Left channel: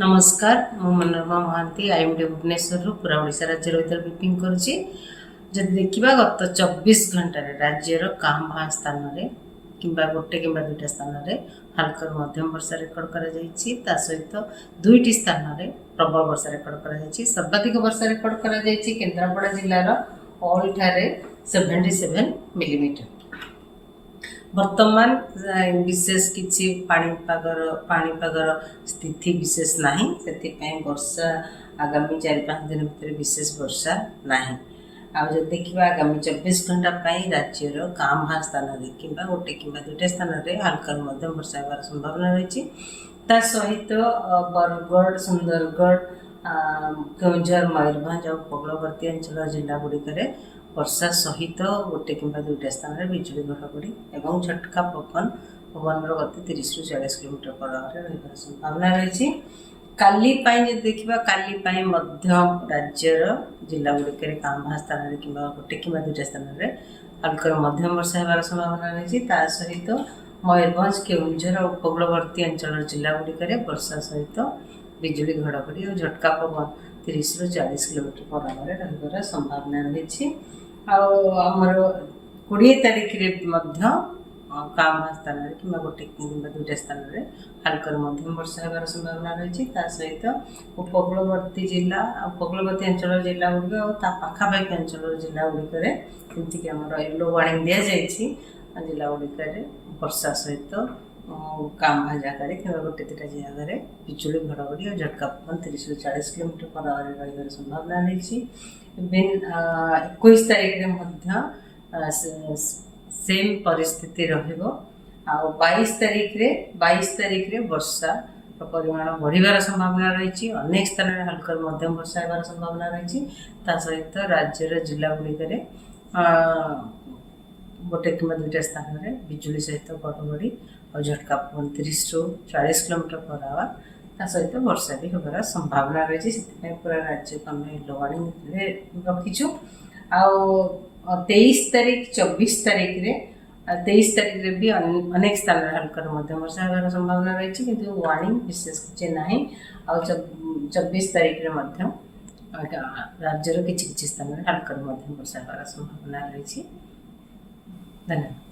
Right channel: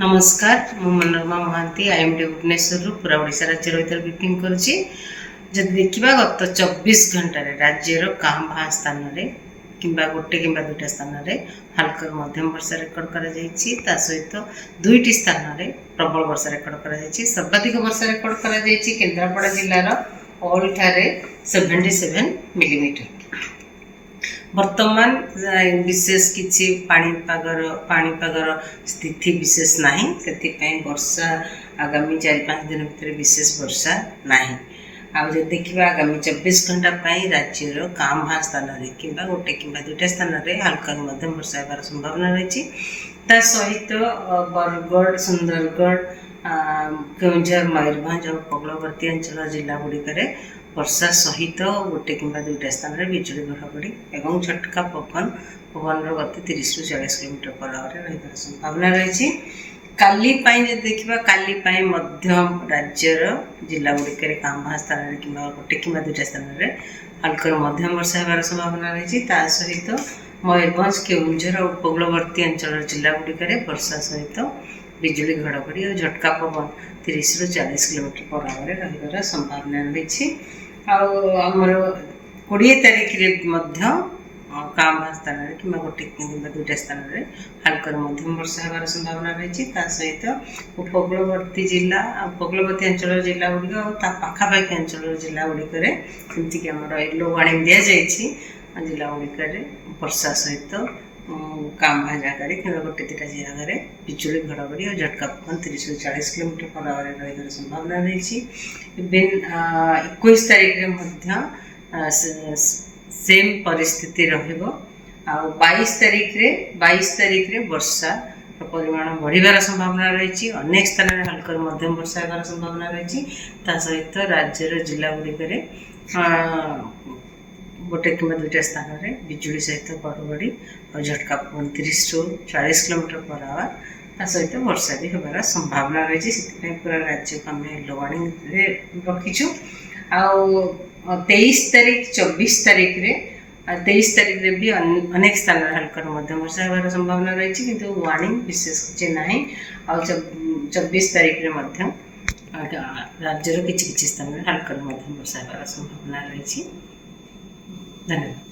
नमस्कार मु मनोरमा महांती आईएमडी भुवनेश्वर पूरा ओडिशा राज्य रही ब्रीफिंग करुच्ची जब देखा गत 24 घंटे राज्यर काँ भाँ स्थान कि गोटे कि दुईटा स्थान हल्का मध्यम वर्षा रेकर्ड कर सहित दुईटी स्थान में प्रबल वर्षा रेकर्ड कर सर्वाधिक वर्षा रेकर्ड कर केन्द्रापड़ा जिलार ऑल ठारे 77 मिलीमीटर। वर्तमान विशेष किसी पाणीपागर स्थिति विशेष नहीं से वर्षा आगामी 4-5 दिन भीतर विशेष वर्षा नहीं। आज देखा आगामी 24 घंटा राज्यर काँ भाँ स्थान कि गोटे कि दुईटा स्थान में हल्का मध्यम वर्षा होबार संभावना रही। सहित बरगढ़ सुंदरगढ़ केउंझर मयूरभंज और उपकूलवर्ती अंचल जिला गुड़िक वर्षा सहित गोटे कि दुईटा स्थान में बिजुली घड़घड़ी और झटका पवन गति 30 ରୁ 40 किलोमीटर पर आवर रही संभावना रही। काली देखा काली राज्यर जिला गुड़िक काँ भाँ स्थान कि गोटे कि दुईटा स्थान में हल्का मध्यम वर्षा होबार संभावना रही। सहित मयूरभंज केउंझर और उपकूलवर्ती अंचल जिला गुड़िक वर्षा सहित बिजुली घड़घड़ी और झटका पवन 30 ରୁ 40 किलोमीटर पर आवर रही संभावना रही। आमर 20 तारीख काँ भाँ स्थान कि गोटे कि दुईटा स्थान में हल्का मध्यम वर्षा होबार संभावना रही। सहित उपकूलवर्ती जिला उपकूलवर्ती अंचल जिला गुड़िक और पाखापाखि अंचल जिला गुड़िक जमीक आम येलो वार्निंग दि जाइए जिला गुड़िक वर्षा सहित काँ भाँ जगह कि गोटे 2टा जगह बिजुली घड़घड़ी और झटका पवन 30 ରୁ 40 किलोमीटर पर आवर रही संभावना रही। इवेन 21 तारीख सेम परिस्थिति रहिबो। 22 तारीख रे वर्षा परिमाण बढ़िबार संभावना रही। अनेक स्थान में हल्का मध्यम वर्षा होबार संभावना रही। सहित राज्यर जिला गुड़िक गोटे कि दुईटा स्थान में बिजुली सहित घड़घड़ी और झटका पवन 30 ରୁ 40 किलोमीटर पर आवर सहित वर्षा भी होबार संभावना रही। से पूरा राज्य को आम येलो वार्निंग रखीचु। 23 तारीख 24 तारीख रे 23 तारीख रे भी अनेक स्थान में हल्का मध्यम वर्षा होबार संभावना रही किंतु वार्निंग विशेष किसी ना। 24 तारीख रे राज्यर किसी स्थान में हल्का मध्यम वर्षा होबार संभावना रही। धन्यवाद।